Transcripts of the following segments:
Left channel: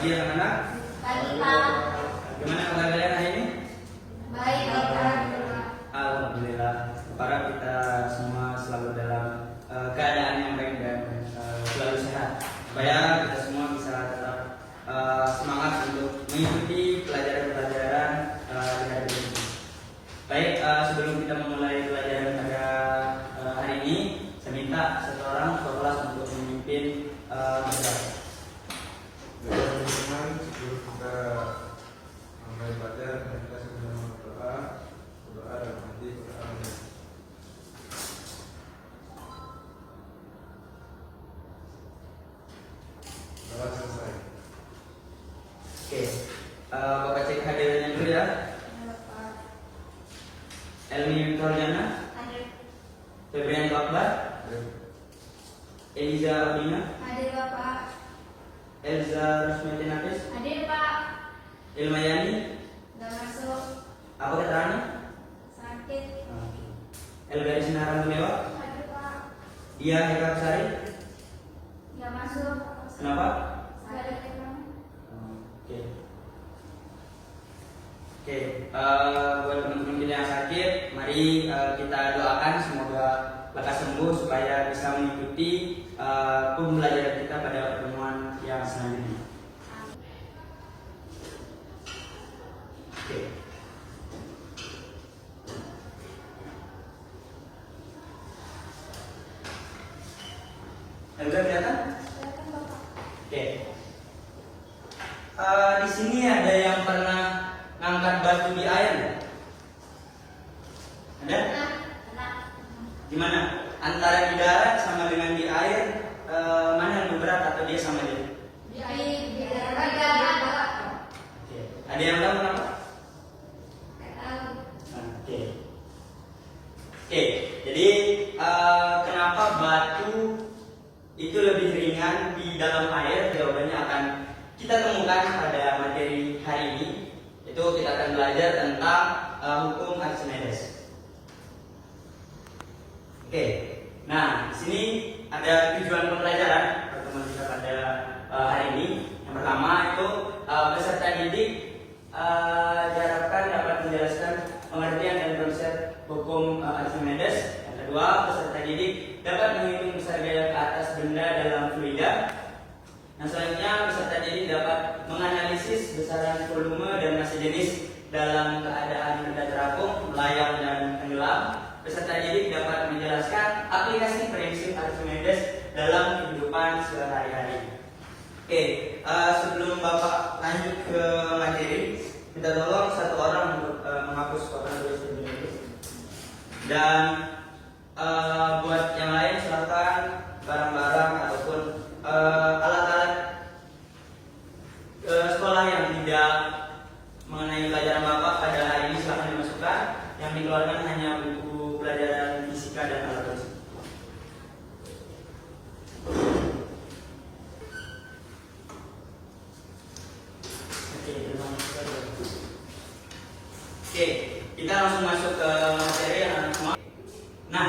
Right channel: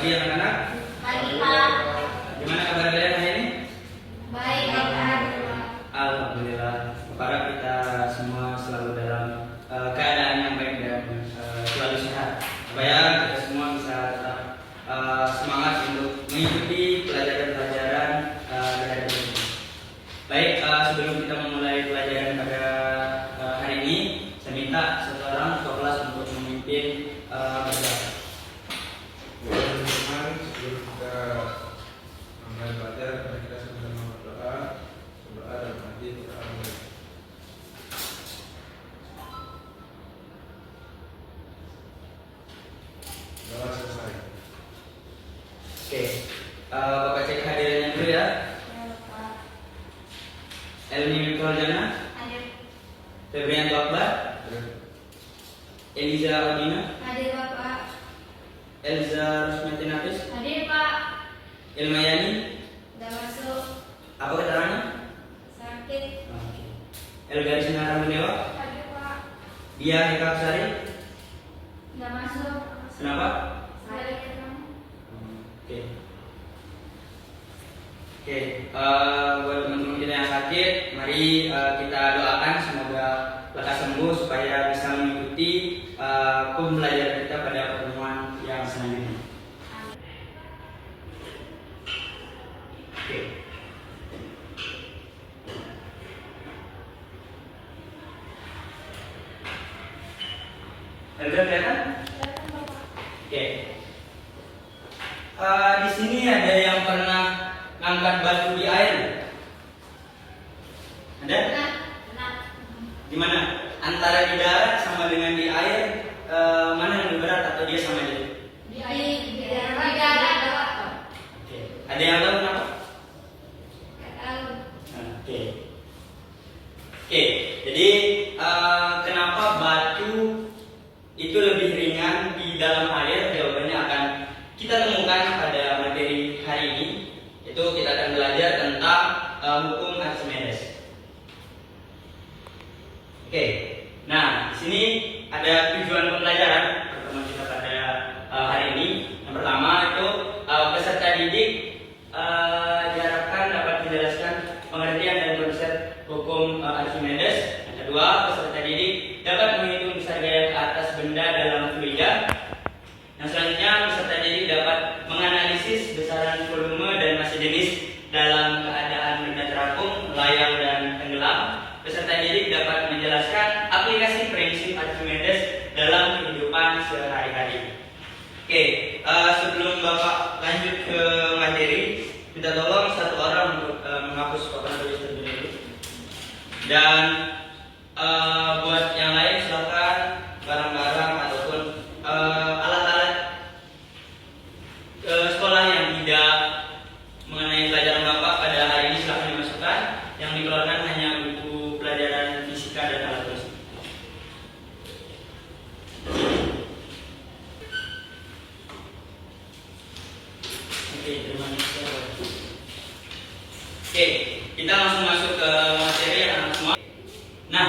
pagi anak-anak. Pagi Pak. Gimana kabar kalian hari ini? Baik Pak. Alhamdulillah. Kepada kita semua selalu dalam keadaan yang baik dan selalu sehat. Supaya kita semua bisa tetap semangat untuk mengikuti pelajaran-pelajaran hari ini. Baik, sebelum kita memulai pelajaran pada hari ini, saya minta satu orang ke kelas untuk memimpin berdoa. Sebelum kita mulai belajar, kita sudah berdoa dan nanti kita akan doa selesai. Oke, Bapak cek hadirannya dulu ya. Elmi Witorjana, Febrian Akbar, Eliza Robina, Hadir Bapak. Elza Rusmati Nafis, Hadir Pak. Ilmayani. Udah masuk. Apa keterangannya? Sakit. Elgaris Sinarang Gunewa, Hadir Pak. Dia Hekap Sari. Udah masuk. Kenapa? Sakit. Oke. Oke, buat teman-teman kita yang sakit, mari kita doakan semoga lekas sembuh supaya bisa mengikuti pembelajaran kita pada pertemuan yang selanjutnya. Oke. Elga kelihatan? Oke. Di sini ada yang pernah ngangkat batu di air? Ada? Gimana? Antara di darat sama dengan di air, mana yang lebih berat atau dia sama aja? Di air. Di darat. Oke. Ada yang tahu kenapa? Nggak tahu. Oke. Oke. Jadi kenapa batu itu lebih ringan di dalam air? Jawabannya akan kita temukan pada materi hari ini. Itu kita akan belajar tentang hukum Archimedes. Oke, nah di sini ada tujuan pembelajaran pertemuan kita pada hari ini. Yang pertama itu peserta didik diharapkan dapat menjelaskan pengertian dan konsep hukum Archimedes. Yang kedua, peserta didik dapat menghitung besar gaya ke atas benda dalam fluida. Yang selanjutnya, peserta didik dapat menganalisis besaran volume dan massa jenis dalam keadaan benda terapung, melayang dan tenggelam. Peserta didik dapat menjelaskan aplikasi prinsip Archimedes dalam kehidupan sehari-hari. Oke, sebelum Bapak lanjut ke materi, minta tolong satu orang untuk menghapus papan tulis terlebih dahulu. Dan buat yang lain silakan barang-barang ataupun alat-alat sekolah yang tidak mengenai pelajaran Bapak pada hari ini silahkan dimasukkan. Yang dikeluarkan hanya buku pelajaran fisika dan alat tulis. Oke, terima kasih. Oke, kita langsung masuk ke materi anak semua. Nah,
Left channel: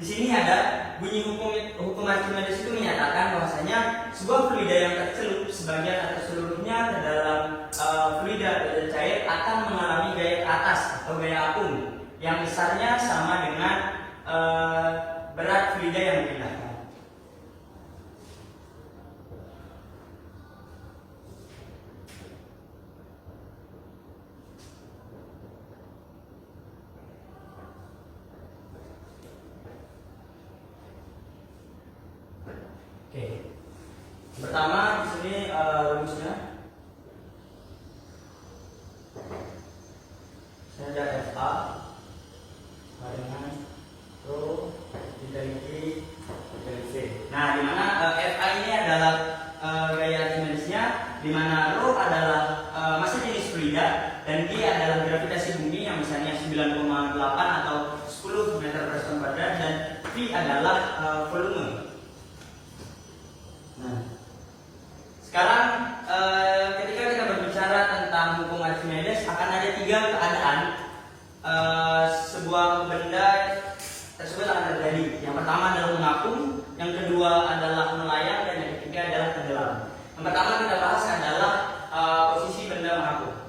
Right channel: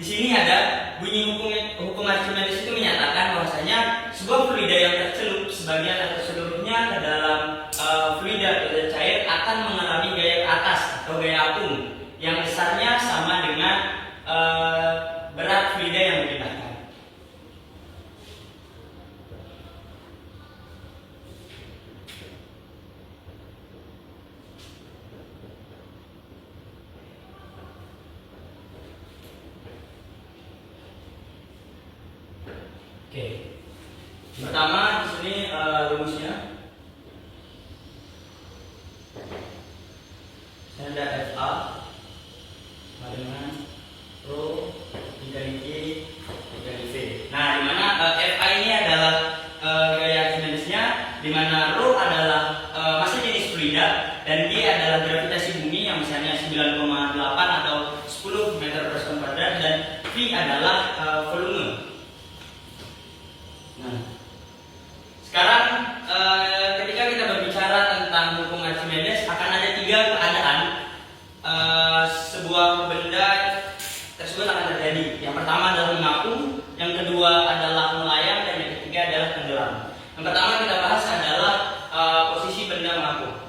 di sini ada bunyi hukum Archimedes itu menyatakan bahwasanya sebuah fluida yang tercelup sebagian atau seluruhnya ke dalam fluida atau cair akan mengalami gaya ke atas atau gaya apung yang besarnya sama dengan berat fluida yang dipindahkan. Oke. Pertama di sini rumusnya. Saya ada FA sama dengan rho dikali Q dikali V. Nah, di mana FA ini adalah gaya Archimedesnya, di mana rho adalah massa jenis fluida dan G adalah gravitasi bumi yang misalnya 9,8 atau 10 meter per sekon kuadrat dan V adalah volume. Nah, sekarang ketika kita berbicara tentang hukum Archimedes akan ada tiga keadaan sebuah benda tersebut akan terjadi. Yang pertama adalah mengapung, yang kedua adalah melayang, dan yang ketiga adalah tenggelam. Yang pertama kita bahas adalah posisi benda mengapung.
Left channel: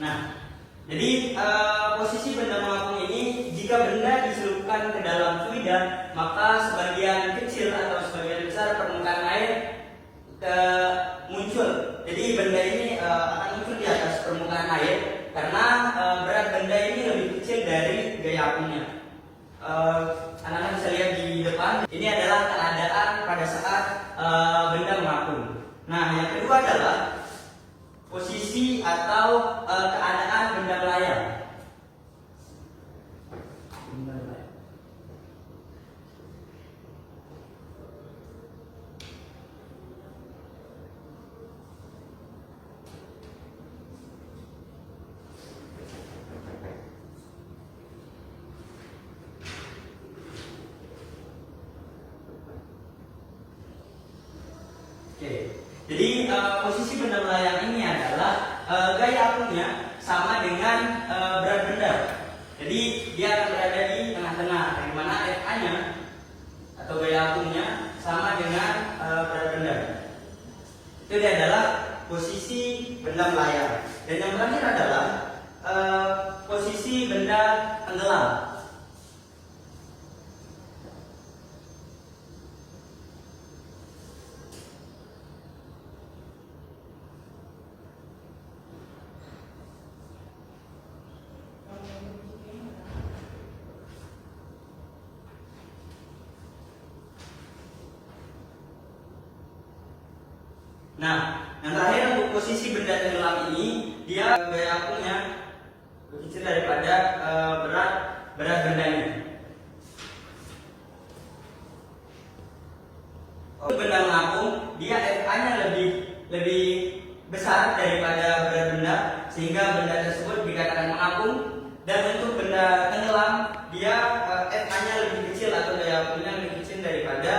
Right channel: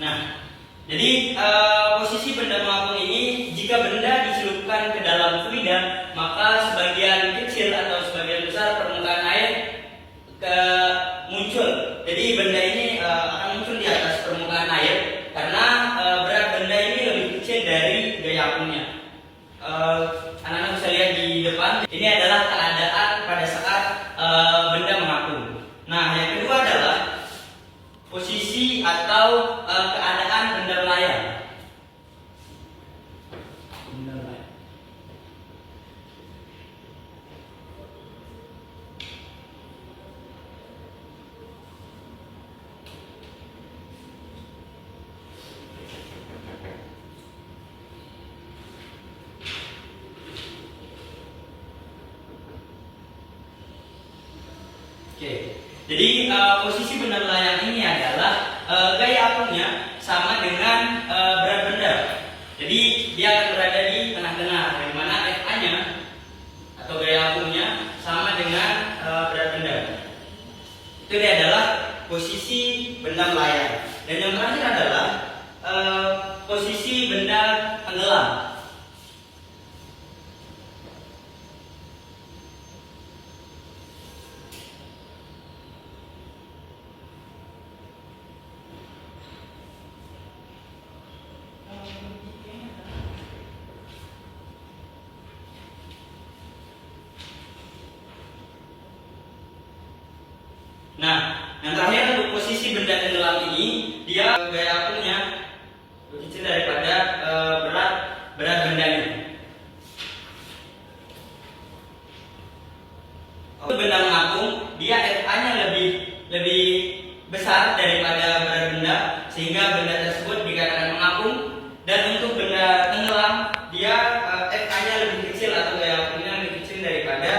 Nah, jadi posisi benda mengapung ini, jika benda dicelupkan ke dalam fluida, maka sebagian kecil atau sebagian besar permukaan air muncul. Jadi benda ini akan muncul di atas permukaan air karena berat benda ini lebih kecil dari gaya apungnya. Anak-anak bisa lihat di depan. Ini adalah keadaan pada saat benda mengapung. Nah, yang kedua adalah posisi atau keadaan benda melayang. Benda melayang. Oke. Jadi posisi benda melayang ini adalah gaya apungnya sama dengan berat benda. Jadi dia akan berada di tengah-tengah, di mana FA-nya atau gaya apungnya sama dengan berat benda. Itu dia adalah posisi benda melayang. Dan yang terakhir adalah posisi benda tenggelam. Nah, yang terakhir untuk posisi benda tenggelam ini, dia gaya apungnya lebih kecil daripada berat bendanya. Untuk benda mengapung, dia FA-nya lebih besar daripada berat benda, sehingga benda tersebut dikatakan mengapung. Dan untuk benda tenggelam, dia FA-nya lebih kecil atau gaya apungnya lebih kecil daripada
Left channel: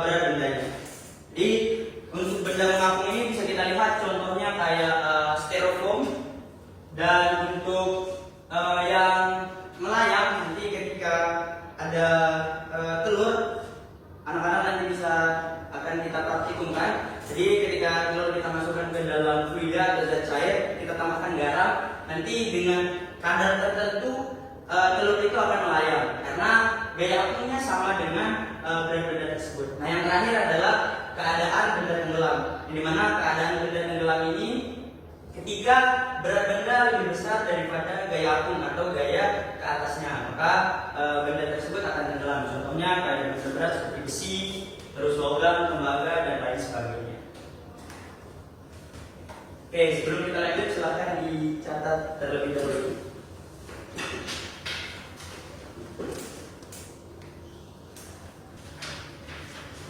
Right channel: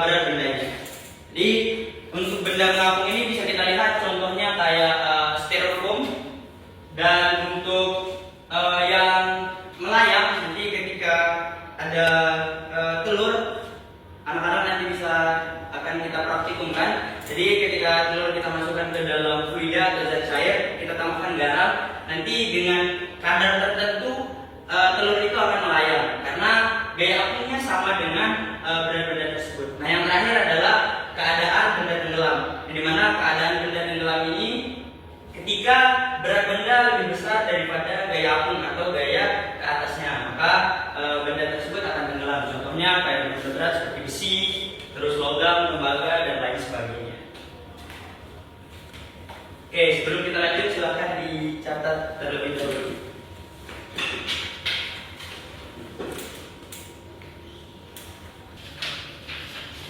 berat bendanya. Jadi untuk benda mengapung ini bisa kita lihat contohnya kayak styrofoam. Dan untuk yang melayang, nanti ketika ada telur, anak-anak nanti akan kita praktikumkan. Jadi ketika telur kita masukkan ke dalam fluida atau zat cair, kita tambahkan garam, nanti dengan kadar tertentu telur itu akan melayang karena gaya apungnya sama dengan berat benda tersebut. Nah, yang terakhir adalah keadaan benda tenggelam, di mana keadaan benda tenggelam ini ketika berat benda lebih besar daripada gaya apung atau gaya ke atasnya, maka benda tersebut akan tenggelam. Contohnya kayak benda berat seperti besi, terus logam, tembaga, dan lain sebagainya. Oke, sebelum kita lanjut silahkan dicatat terlebih dahulu.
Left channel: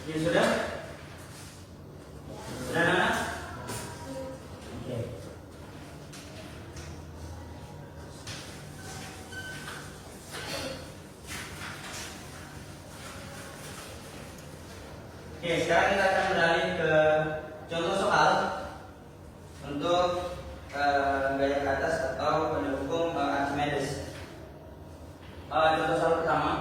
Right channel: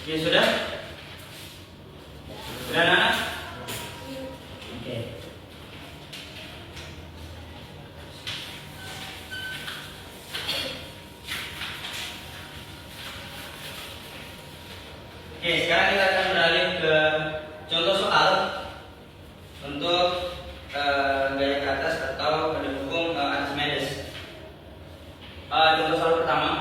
Oke, sudah? Sudah, Nana? Oke. Oke, sekarang kita akan beralih ke contoh soal untuk gaya ke atas atau pendukung Archimedes. Contoh soal pertama.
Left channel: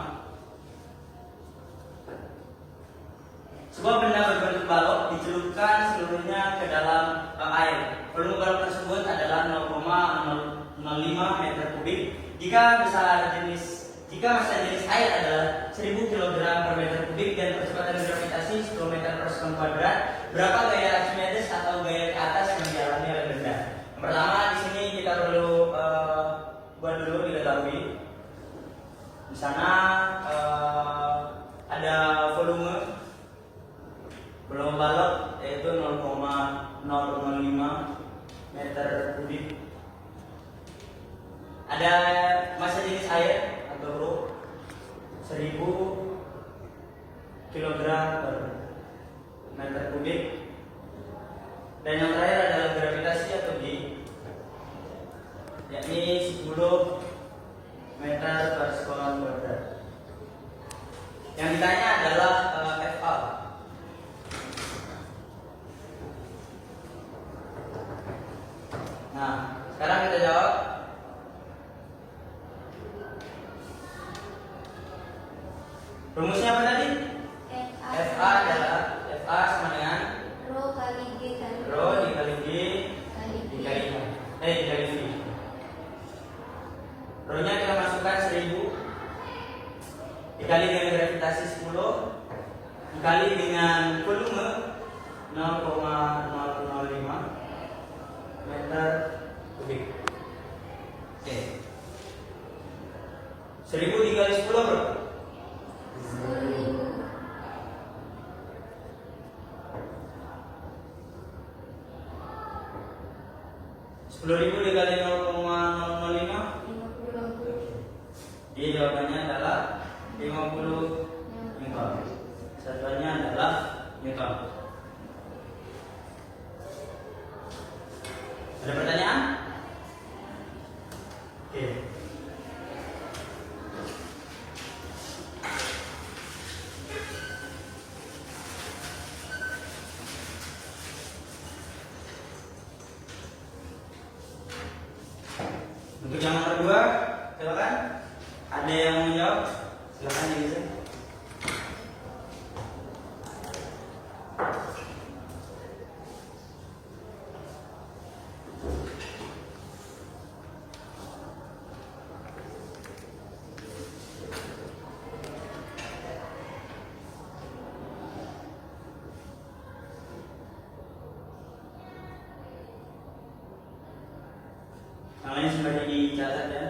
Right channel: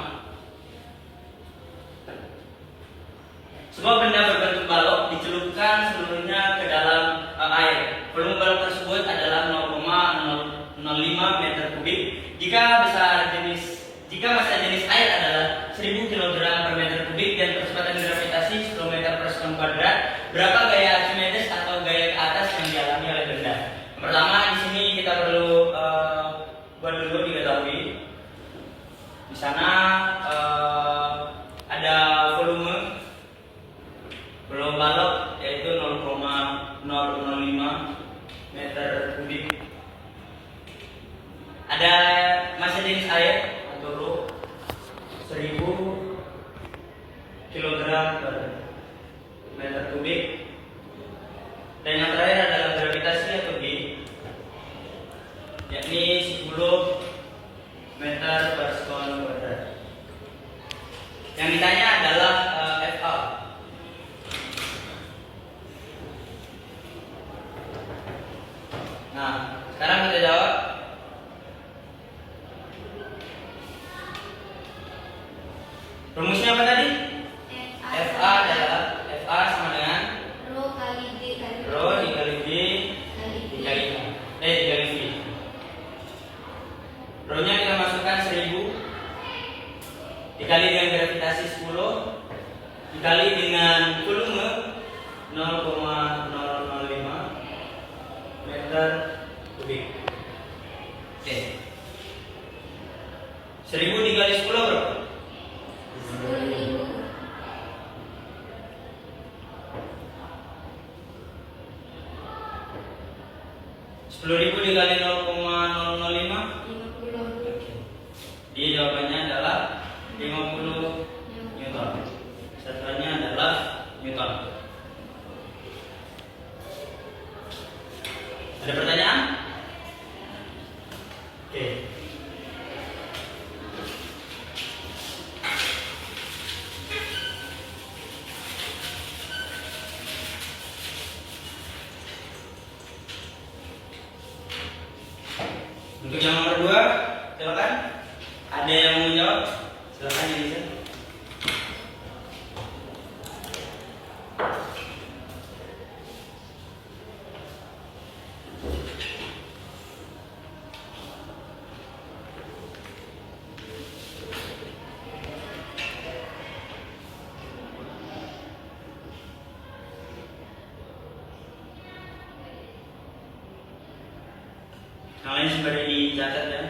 Sebuah benda berbentuk balok dicelupkan seluruhnya ke dalam air. Volume balok tersebut adalah 0,05 meter kubik. Jika massa jenis air adalah 1000 kg per meter kubik dan percepatan gravitasi 10 meter per sekon kuadrat, berapa gaya Archimedes atau gaya ke atas yang dialami oleh benda? Yang pertama, di sini kita perlu buat dulu diketahui. Di sana ada volume balok yaitu 0,005 meter kubik. Ada massa jenis air atau rho 1000 kg per meter kubik. Dan yang terakhir adalah gravitasi atau G, yakni 10 meter per sekon kuadrat. Yang ditanya adalah FA. Nah, sekarang kita jawab. Rumusnya apa tadi? FA adalah FA sama dengan Rho kali D kali Rho dikali B dikali A. Dikali V. Rho-nya kita masukkan 1000 dikali dengan gravitasi 10 dikali dengan volume 0,005 meter kubik. Oke. 1000 dikali 10 berapa? 10.000. 10.000 dikali 0,005. 50. Jadi jawabannya adalah 50 Newton. Satuannya adalah Newton. Ada pertanyaan? Oke. Untuk yang nomor 2, silakan. Ada yang mau menjawab? Silakan Yunus. Yang lain sudah dicatat ya.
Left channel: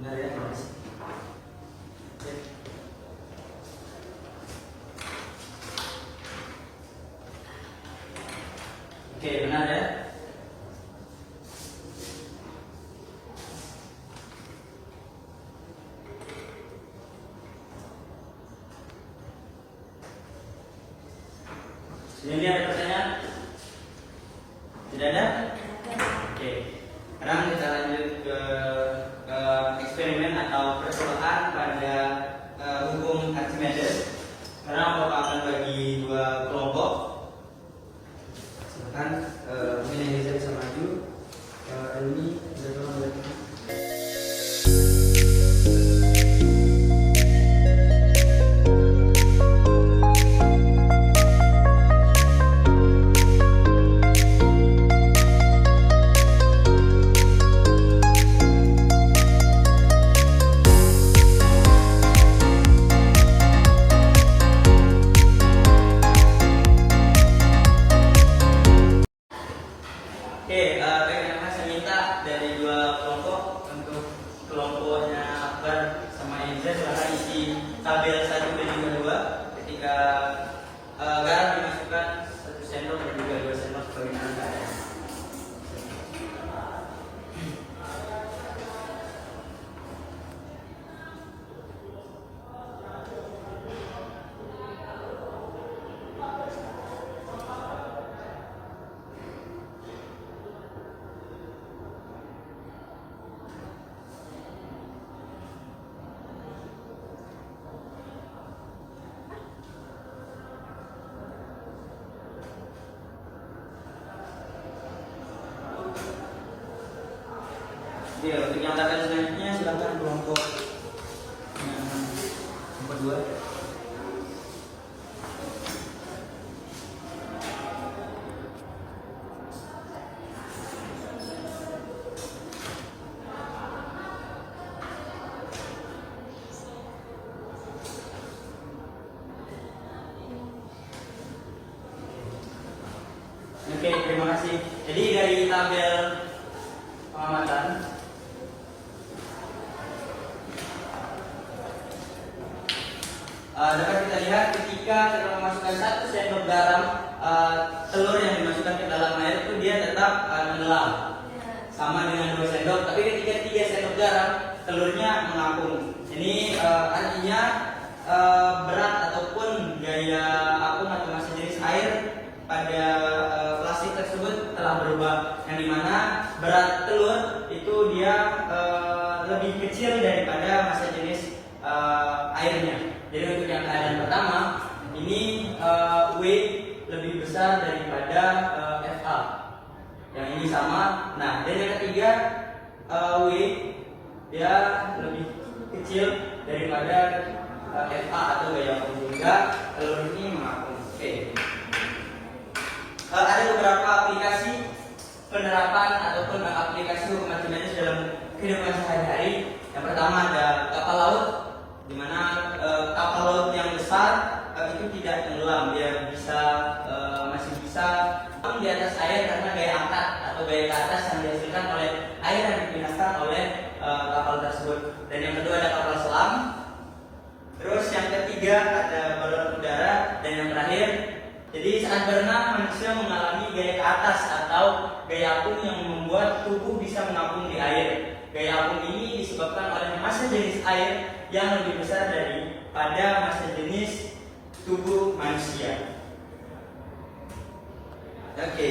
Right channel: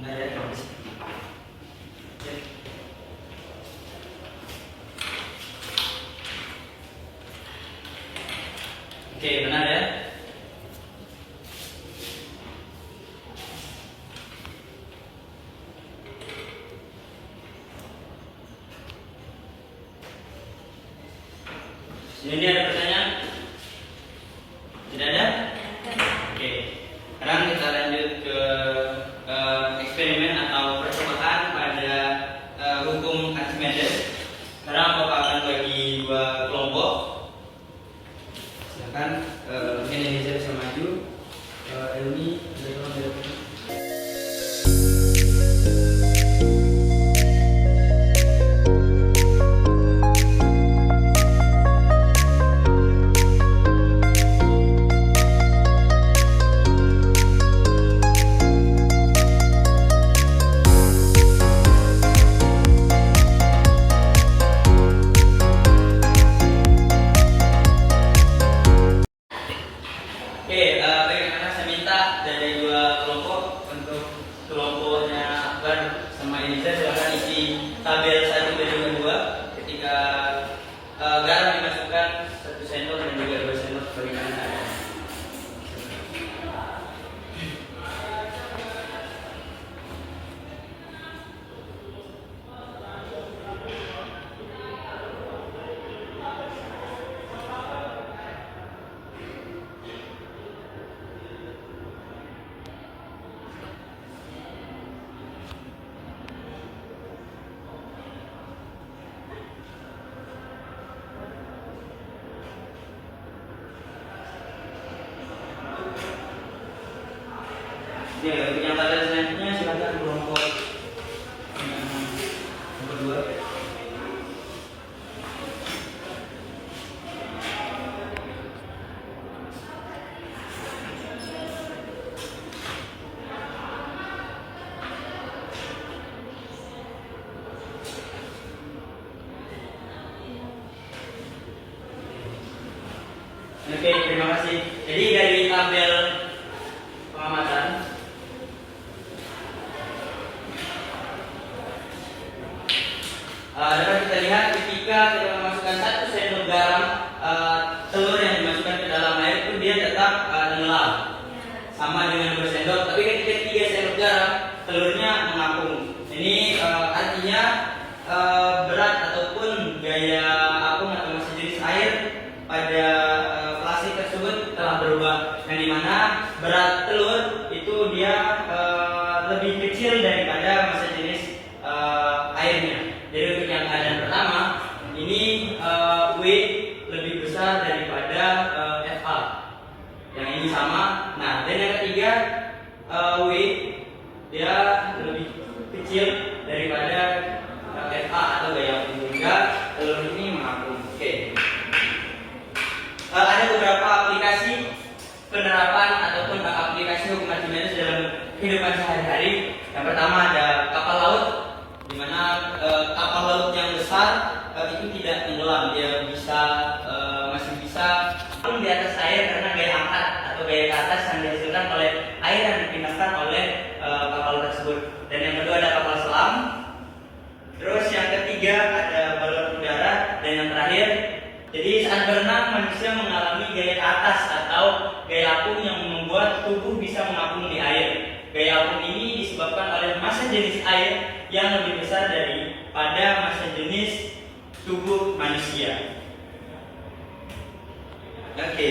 Benar ya, Mas? Oke, benar ya? Ini ada pertanyaan? Tidak ada? Oke. Sekarang kita lanjut ke eksperimen atau percobaan pada hukum Archimedes. Sekarang Bapak akan bagi dua kelompok. Silakan, mungkin Elisa bisa maju. Elmi, ada tolong dari sini. Oke, baik anak-anak, saya minta dari dua kelompok. Untuk kelompoknya Akbar sama Eliza, silahkan isi tabel 1 dan juga 2. Ketika garam dimasukkan 1 sendok dan juga 2 sendok bagaimana keadaan. Dan selanjutnya silakan kelompok nomor 2. Oke, terima kasih. Jadi dari tabel pengamatan dapat kita lihat ketika kita memasukkan 1 sendok garam, telur yang dimasukkan ke dalam air itu dia tetap tenggelam sama dengan 2 sendok. Tapi ketika 3 sendok garam, telurnya mengapung. Ini artinya berat ataupun gaya apung atau massa jenis air pada plastik tersebut telah berubah, yang dimana berat telur itu dia lebih kecil daripada massa jenis airnya. Jadi untuk yang keadaan pertama ini W lebih besar daripada FA, yang ini sama. Nah, dan yang ketiga W dia lebih kecil daripada FA atau gaya apung, sehingga telur ini mengapung. Oke. Ada beberapa aplikasi penerapan ataupun aplikasi hukum Archimedes dalam kehidupan sehari-hari. Yang pertama ada kapal laut, di mana kapal laut yang besar itu tidak tenggelam, dia masih bisa di atas air karena gaya angkat atau gaya ke atas yang dihasilkan oleh air yang dipindahkan oleh kapal tersebut. Dan yang kedua ada kapal selam. Terus yang ketiga ada balon udara, dan yang terakhir, jadi saat berenang manusia mengalami gaya ke atas atau gaya apung yang membuat tubuh bisa mengapung di air. Gaya apung ini disebabkan oleh massa jenis air yang lebih besar daripada massa jenis tubuh manusia. Oke,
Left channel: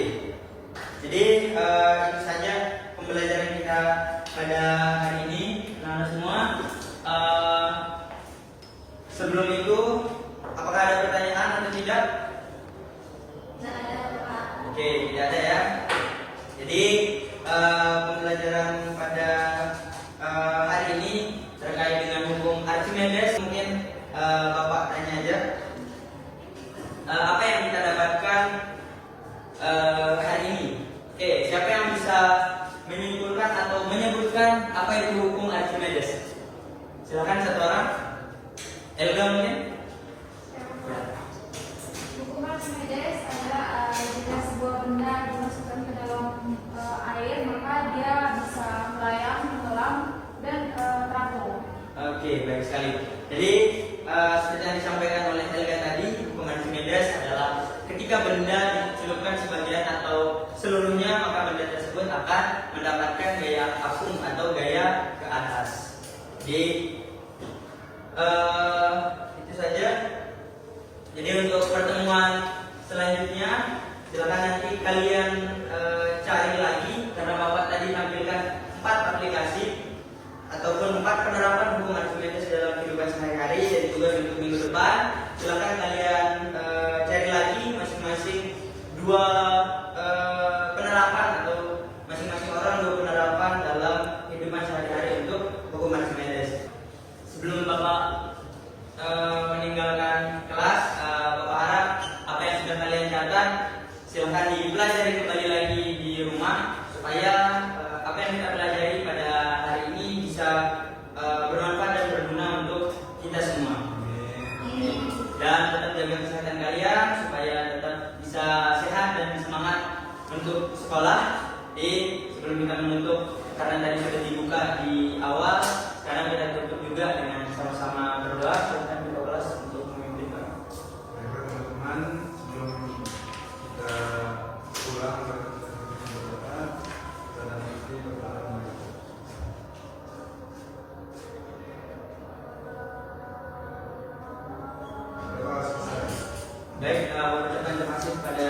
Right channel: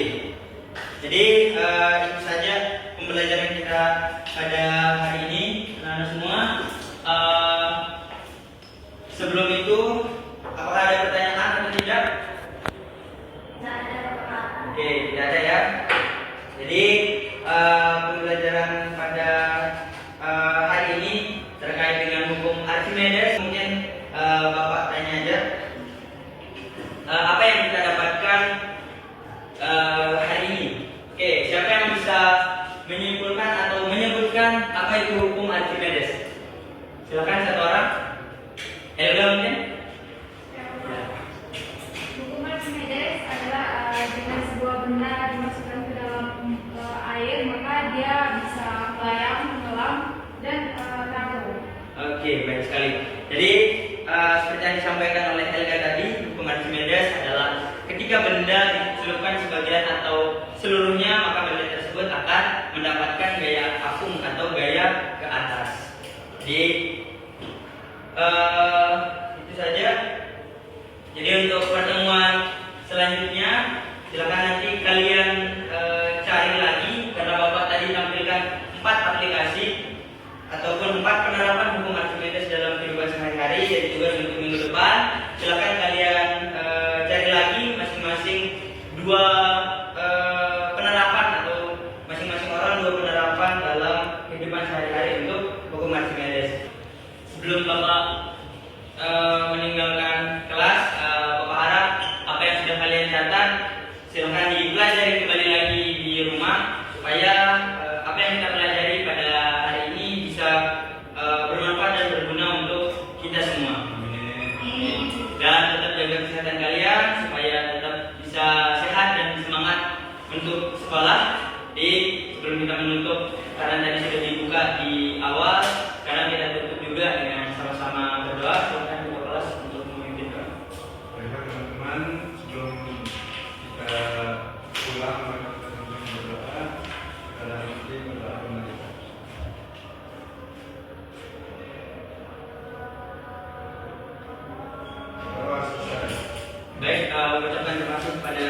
jadi itu saja pembelajaran kita pada hari ini, teman-teman semua. Sebelum itu, apakah ada pertanyaan atau tidak? Oke, tidak ada ya. Jadi pembelajaran pada hari ini terkait dengan hukum Archimedes, mungkin Bapak tanya aja. Apa yang kita dapatkan hari ini? Oke, siapa yang bisa menyimpulkan atau menyebutkan apa itu hukum Archimedes? Silakan satu orang. Helga mungkin? Hukum Archimedes adalah jika sebuah benda dimasukkan ke dalam air, maka dia bisa melayang, tenggelam, dan terapung. Oke, baik sekali. Jadi seperti yang disampaikan oleh Helga tadi, hukum Archimedes adalah ketika benda dicelupkan sebagian atau seluruhnya, maka benda tersebut akan mendapatkan gaya apung atau gaya ke atas. Jadi itu saja. Jadi untuk pertemuan selanjutnya silakan nanti kalian cari lagi, karena Bapak tadi tampilkan 4 aplikasi ataupun 4 penerapan hukum Archimedes dalam kehidupan sehari-hari dan juga untuk minggu depan. Silakan kalian cari lagi masing-masing 2 penerapan atau masing-masing orang 2 penerapan dalam kehidupan sehari-hari untuk hukum Archimedes. Sebelum Bapak meninggalkan kelas, Bapak harap apa yang sudah kalian catat silakan dipelajari kembali lagi di rumah, supaya apa yang kita pelajari pada hari ini bisa bermanfaat dan berguna untuk kita semua. Dan tetap jaga kesehatan kalian supaya tetap bisa sehat dan semangat untuk sekolah. Jadi sebelum kita menutup, karena tadi sudah dibuka di awal, karena kita tutup juga dengan sama-sama berdoa. Silakan ketua kelas untuk memimpin doa. Baiklah teman-teman, sebelum kita pulang, mari kita sama-sama berdoa. Kita nanti berdoa menutup. Baik, mengucapkan terima kasih kepada